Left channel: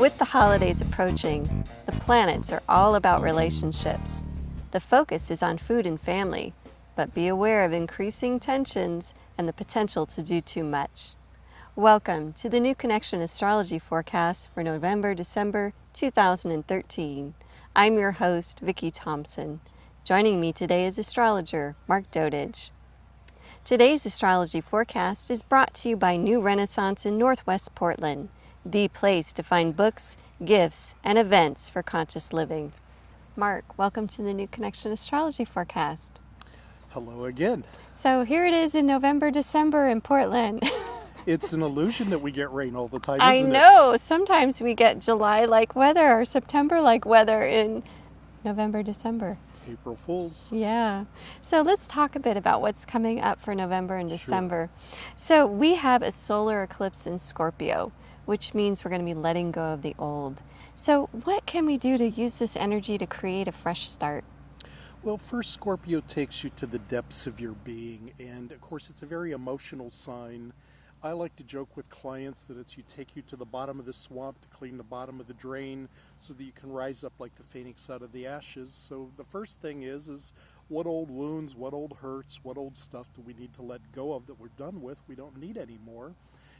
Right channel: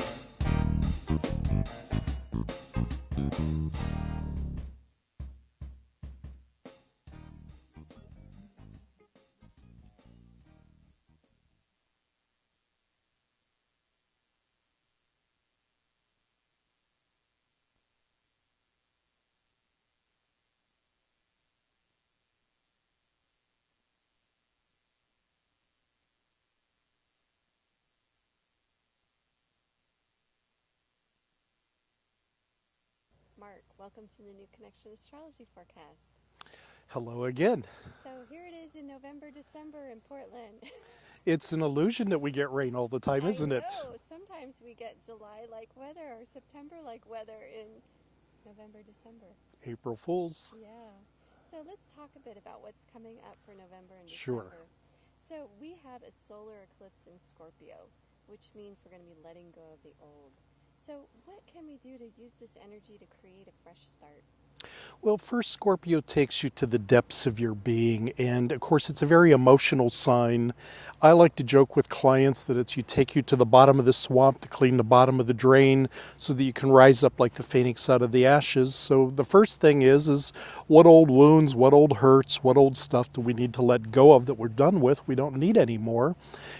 With the holidays approaching, the planets are all about relationships. The focus is on food and family, but be aware of increasing tensions and the potential to do too much. Welcome to the New Connection Astrology Forecast for November-December 2013. I'm your host, Vicki Thompson. Joining me today is astrologer Mark Dodage. Today's astrology forecast is brought to you by New Renaissance in Northwest Portland, the place to find books, gifts, and events for conscious living. Mark, welcome to the New Connection Astrology Forecast. Hello again. So here it is in November, December in Portland. It's an illusion that we get rain all the time, I isn't it? know. Sometimes we get July-like weather or September-like weather in November, December. April Fools. Yeah. So let's talk a bit about what's coming up for November and Sure. December. So we have a solar eclipse in Scorpio, which means we're going to be letting go of the old. So what can we do to use this energy to create a fresh start? Well, first, Scorpio takes you to the depths of your being, and of course, it's a very emotional sign. I like to joke with clients that it's take you to the bottom of the swamp to clean the bottom of the drain so that you can rise up like the phoenix out of the ashes. So the first thing is what old wounds, what old hurts, what old stuff do we need to let go of that we're done with, we don't need anymore.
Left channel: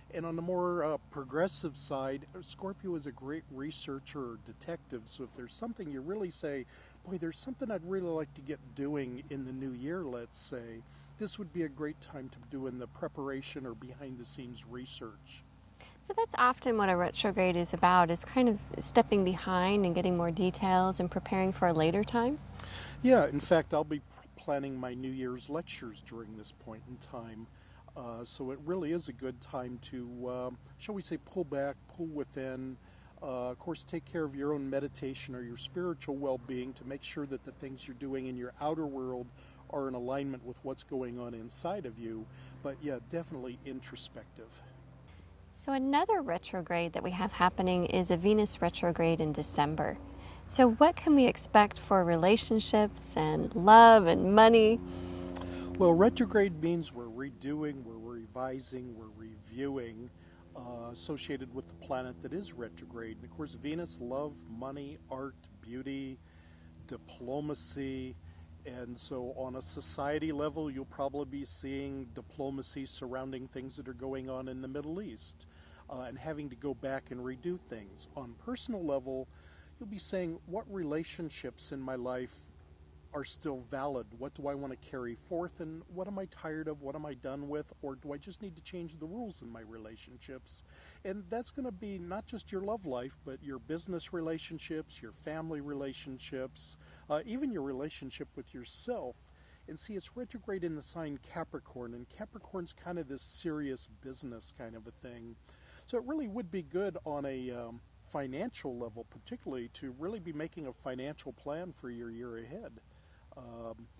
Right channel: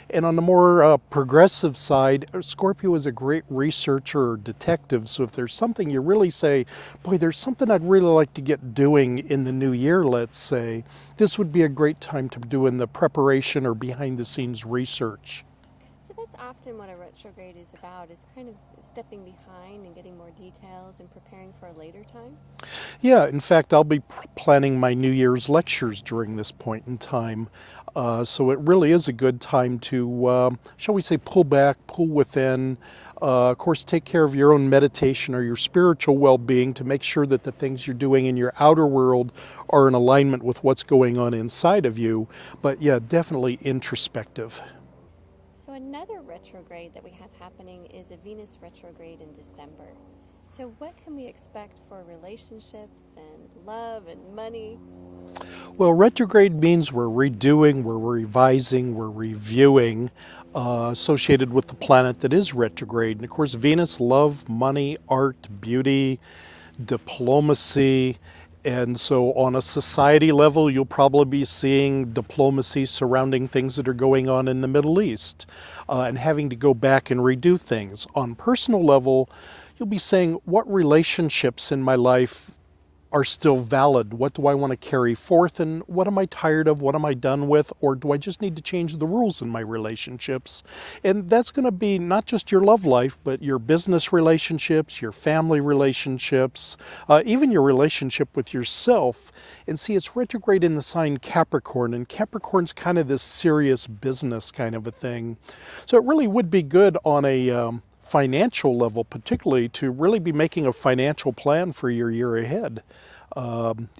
And on the more progressive side, Scorpio is a great researcher or detective. So if there's something you really say, boy, there's something I'd really like to get doing in the new year, let's say, this would be a great time to do in the preparation or behind the scenes research. So that's often what a retrograde is about, is kind of stepping behind and getting more details and preparing for a later time. Yeah, in fact, I'll be planning my New Year's lectures during this point in time. So it really is a good time to, shall we say, pull back, pull within. Of course, take care of your own meditation or your spiritual well-being to make sure that the things you're doing in your outer world are in alignment with what's going on inside of you. But yeah, definitely introspective. So another retrograde that we have happening is a Venus retrograde in December. So what can we expect for relationships and love and money? Well, retrograde means we're redoing, we're revising, we're reviewing, associated with the planet that is retrograde. And of course, Venus, love, money, art, beauty, diplomacy. And so on a society level, you'll probably be seeing diplomacy surrounding things that are going on in the Middle East and having to go back and redo things. On personal level, you'll be saying, what relationships in my life are still valid? What do I want to carry forth, and what am I tired of? What am I done with? Or do I just need to change the rules in my relationships? And that's going to be not just your love life, but your business relationships, your family relationships, even your relationship with yourself. And see, it's retrograde in the sign Capricorn, and Capricorn's kind of this serious business kind of a thing. So it really would be good on a financial level, particularly, to really be making a financial plan for your year ahead.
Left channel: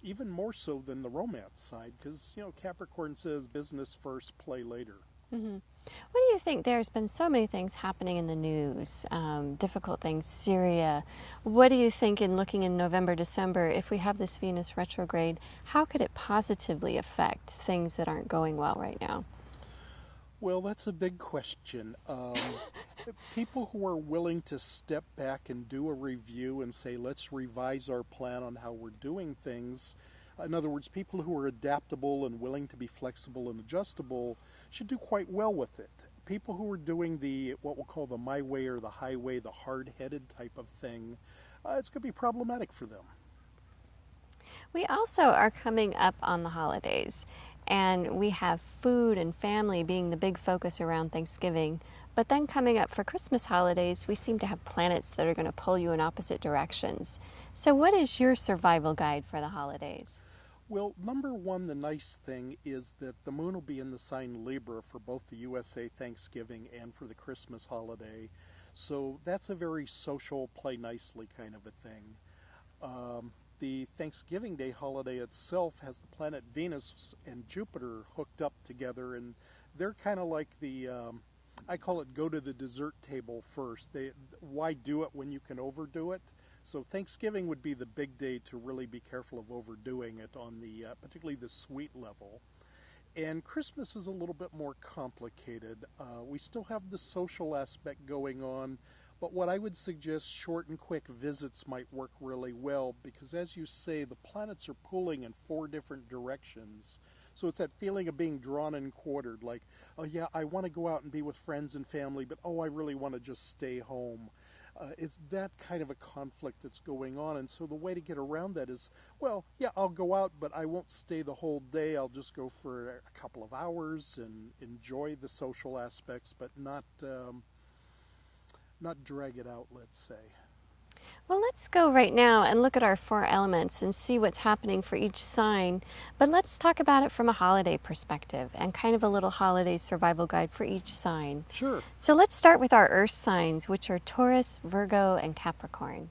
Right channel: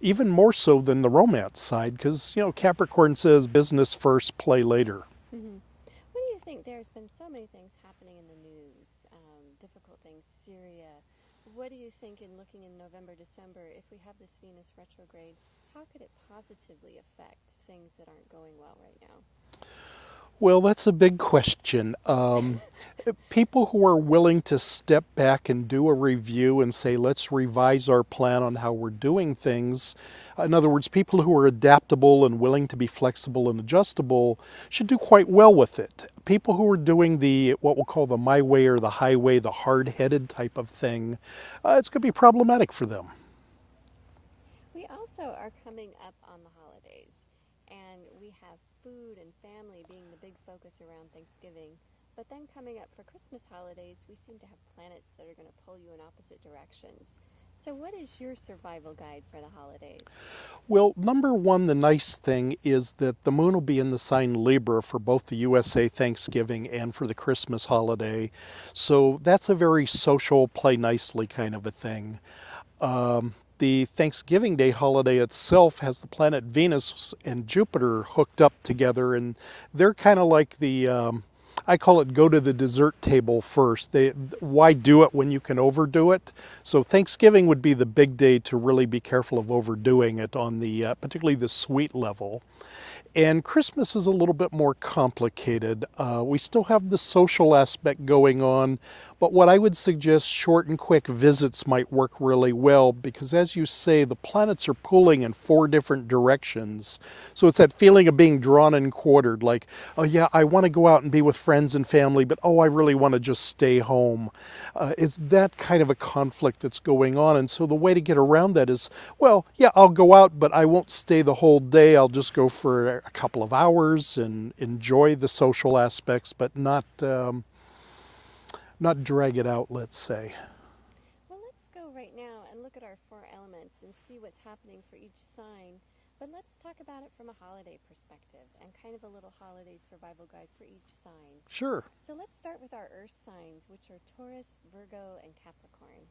Even more so than the romance side, because, you know, Capricorn says business first, play later. Mm-hmm. What do you think? There's been so many things happening in the news, difficult things, Syria. What do you think, in looking in November, December, if we have this Venus retrograde, how could it positively affect things that aren't going well right now? Well, that's a big question. People who are willing to step back and do a review and say, let's revise our plan on how we're doing things. In other words, people who are adaptable and willing to be flexible and adjustable should do quite well with it. People who are doing the, what we'll call the my way or the highway, the hard-headed type of thing, it's going to be problematic for them. We also are coming up on the holidays, and we have food and family being the big focus around Thanksgiving. But then coming up for Christmas holidays, we seem to have planets that are going to pull you in opposite directions. So what is your survival guide for the holidays? Well, number one, the nice thing is that the moon will be in the sign Libra for both the USA Thanksgiving and for the Christmas holiday. So that's a very social, play nicely kind of a thing. The Thanksgiving Day holiday itself has the planet Venus and Jupiter hooked up together, and they're kind of like the, I call it go to the dessert table first. Why do it when you can overdo it? So Thanksgiving would be the big day to really be careful of overdoing it on the, particularly the sweet level. And Christmas is a little bit more complicated. We still have the social aspect going on, But what I would suggest, short and quick visits might work really well because, as you say, the planets are pulling in four different directions. So it's that feeling of being drawn and quartered, like, oh yeah, I want to go out and be with friends and family, but oh, I really want to just stay home. It's that kind of a conflict that's going on. And so the way to get around that is, well, yeah, I'll go out, but I won't stay the whole day. I'll just go for a couple of hours and enjoy the social aspects, but not drag it out, let's say. Well, let's go right now and look at our four elements and see what's happening for each sign. But let's talk about it from a holiday perspective and kind of a little holiday survival guide for each sign. Sure. So let's start with our earth signs, which are Taurus, Virgo, and Capricorn.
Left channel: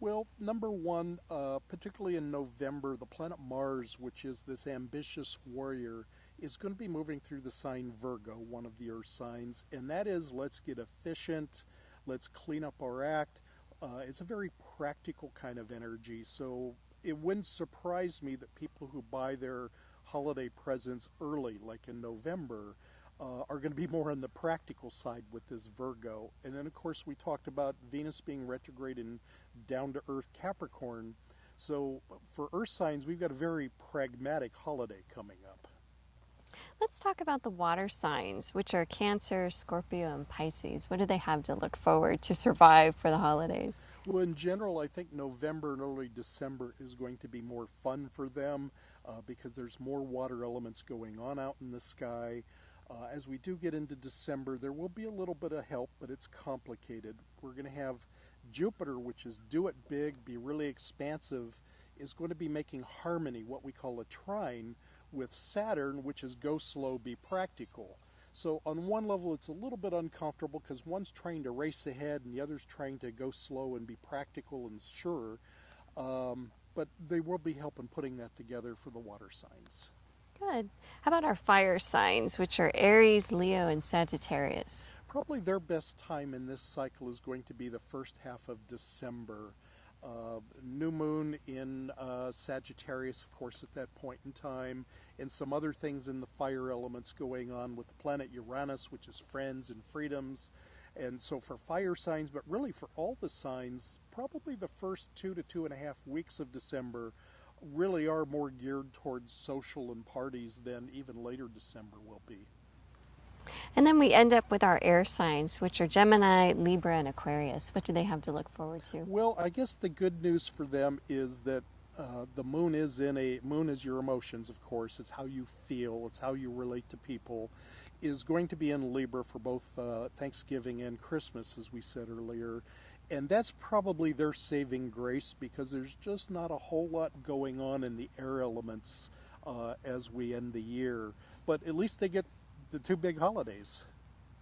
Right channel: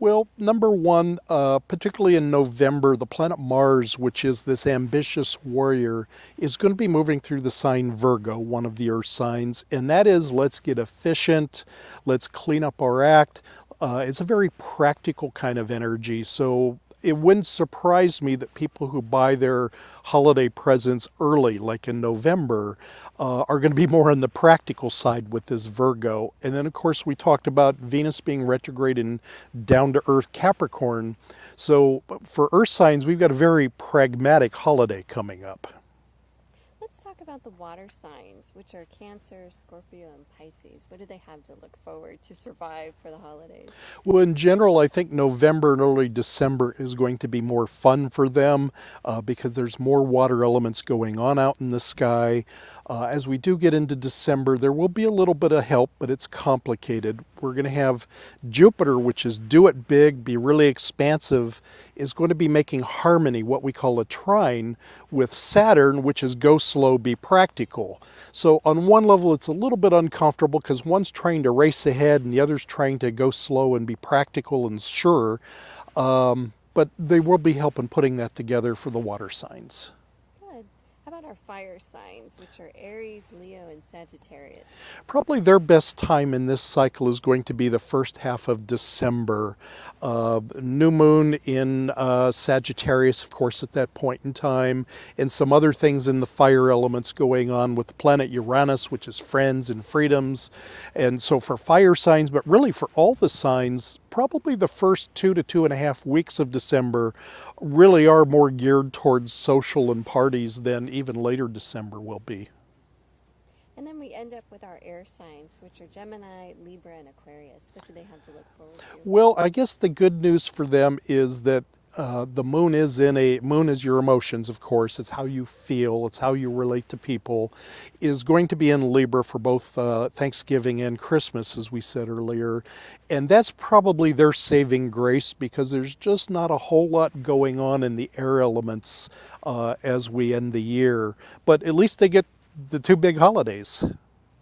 Well, number one, particularly in November, the planet Mars, which is this ambitious warrior, is going to be moving through the sign Virgo, one of the earth signs. And that is, let's get efficient, let's clean up our act. It's a very practical kind of energy. So it wouldn't surprise me that people who buy their holiday presents early, like in November, are going to be more on the practical side with this Virgo. And then, of course, we talked about Venus being retrograde in down to earth Capricorn. So for earth signs, we've got a very pragmatic holiday coming up. Let's talk about the water signs, which are Cancer, Scorpio, and Pisces. What do they have to look forward to survive for the holidays? Well, in general, I think November and early December is going to be more fun for them because there's more water elements going on out in the sky. As we do get into December, there will be a little bit of help, but it's complicated. We're going to have Jupiter, which is do it big, be really expansive, is going to be making harmony, what we call a trine, with Saturn, which is go slow, be practical. So on one level, it's a little bit uncomfortable because one's trying to race ahead and the other's trying to go slow and be practical and sure. But they will be helping putting that together for the water signs. Good. How about our fire signs, which are Aries, Leo, and Sagittarius? Probably their best time in this cycle is going to be the first half of December. New moon in Sagittarius, of course, at that point in time, and some other things in the fire elements going on with the planet Uranus, which is friends and freedoms. And so for fire signs, but really for all the signs, probably the first 2 to 2.5 weeks of December really are more geared towards social and parties than even later December will be. And then we end up with our air signs, which are Gemini, Libra, and Aquarius. What do they have to look forward to? Well, I guess the good news for them is that the moon is moon is your emotions, of course. It's how you feel. It's how you relate to people. Is going to be in Libra for both Thanksgiving and Christmas, as we said earlier. And that's probably their saving grace because there's just not a whole lot going on in the air elements as we end the year. But at least they get the two big holidays.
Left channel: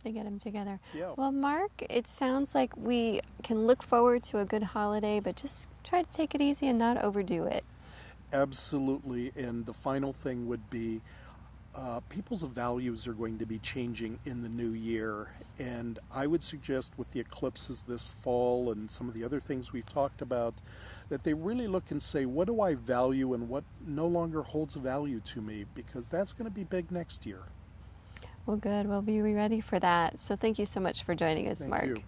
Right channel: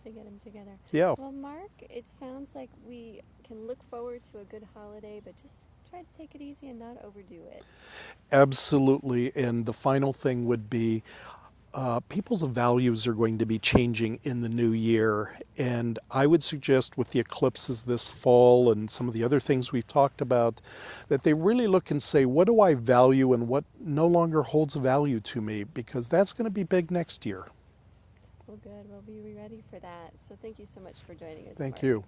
They get them together. Yeah. Well, Mark, it sounds like we can look forward to a good holiday, but just try to take it easy and not overdo it. Absolutely. And the final thing would be people's values are going to be changing in the new year. And I would suggest with the eclipses this fall and some of the other things we've talked about, that they really look and say, what do I value and what no longer holds value to me? Because that's going to be big next year. Well, good. We'll be ready for that. So thank you so much for joining us, Mark. Thank you.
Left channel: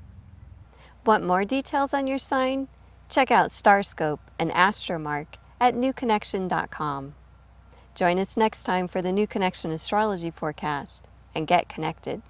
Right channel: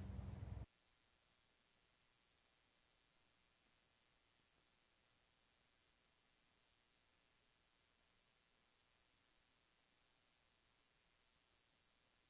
Want more details on your sign? Check out Starscope and Astromark at newconnection.com. Join us next time for the New Connection Astrology Forecast and get connected.